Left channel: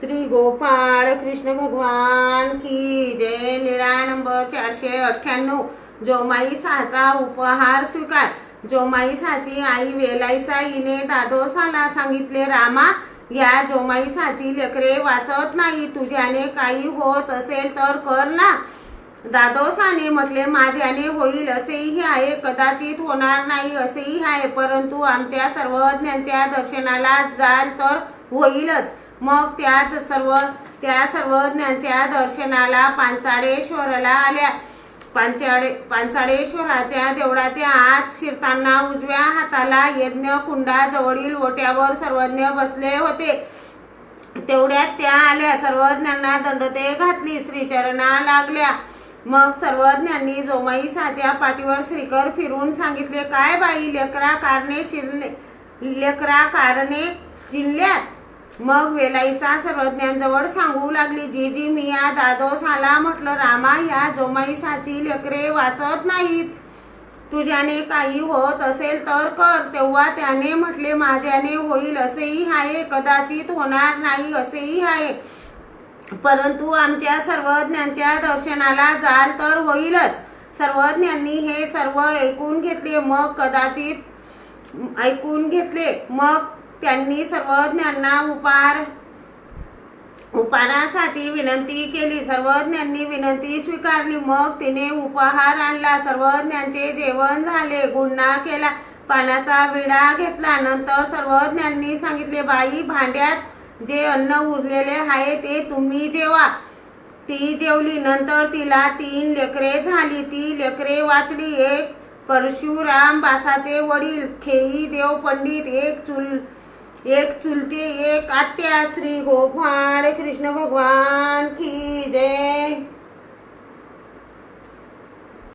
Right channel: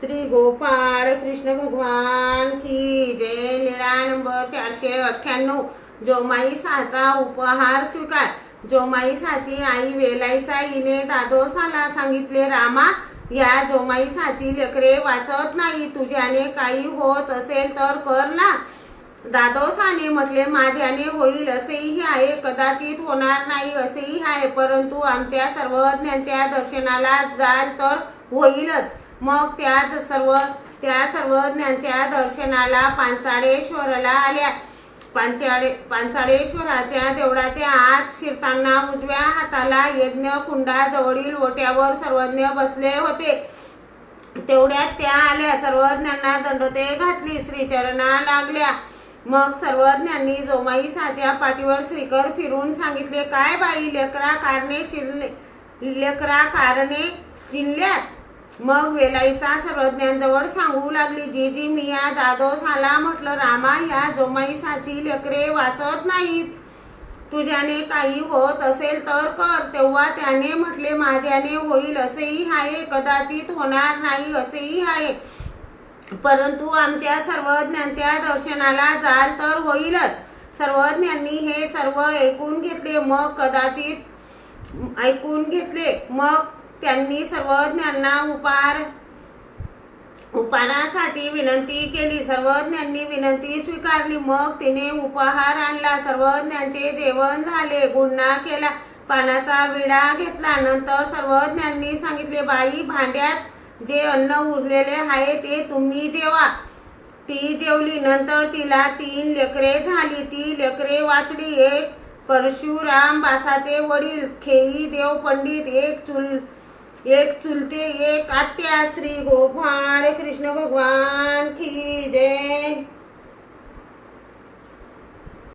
श्री गोपाळ कृष्ण भगवान की जय. लीळा नंबर चारशे अठ्ठ्याण्णव. जोमाई साचा उपहार स्वीकार. जोमाई साची आई वेलाईसा हिने दादोसाला सांगितले रामा या जोमाई साची लेकरे वाचत नाही. तुझ्याने काही होत असेल तर कर ना. दादोसाने म्हटले माझ्याने होईल असेही आहे. कदाचित होणार नाही असेही आहे. परंतु आमच्या सर्वज्ञांच्या दर्शनाला जाल तर होईलच. मग त्या सर्व त्या सर्वज्ञांच्या दर्शनाला पांचाळेश्वराला आल्या. पांचाळे पांचाळेश्वराच्या देवळाच्या आत शिरताना उजव्या हाताला यज्ञ कुंडाजवळील ओट्यावर सर्वज्ञ बसले होते. तेवढ्यात त्या आल्या. सर्वज्ञांना दंडते घातली. श्रीचरणा लागल्या. मग सर्वज्ञांनी जोमाई साच्या पाठीवर श्रीकर फिरून सांगितले काय बाई लेकरा कारणे शिरले लेकरा कारणे शिरल्यात? मग वेलाईसा सर्वज्ञांजवळ सांगू लागली जी जी मी या दादोस आला म्हटलं रामा या जोमाईसाची लेकरे वाचत नाहीत. तुझ्याने काही होत असेल तर कर. तेव्हा त्याने म्हटले माझ्याने होईल असेही आहे कदाचित होणार नाही असेही आहे परंतु आमच्या सर्वज्ञांच्या दर्शनाला जाल तर होईलच. सर्वज्ञांनी हे सर्व ऐकून घेतले मग कदाचित ऐकून घेतले. मग त्यांनी सर्वज्ञांना उपार उपहारासाठी विनंती केली. सर्वज्ञांनी विनंती स्वीकारली. मग तिने उपहार आणला. सर्वज्ञांचे जेवण झाले. गुन्हा केला. पानाचा विडा घेतला. नंतर सर्वज्ञांनी सांगितले बाई भांड्यात जे अन्न उरलेले आहे ते तुम्ही जेवा. ती जेवली. नंतर तिला तीन लेकरे झाली. ती लेकरे वाचली. एक परशुराम बासाचे वडील खेई देव पंडित एक चुल एक चुलते एक आत्या श्री गोपाळ कृष्ण भगवान की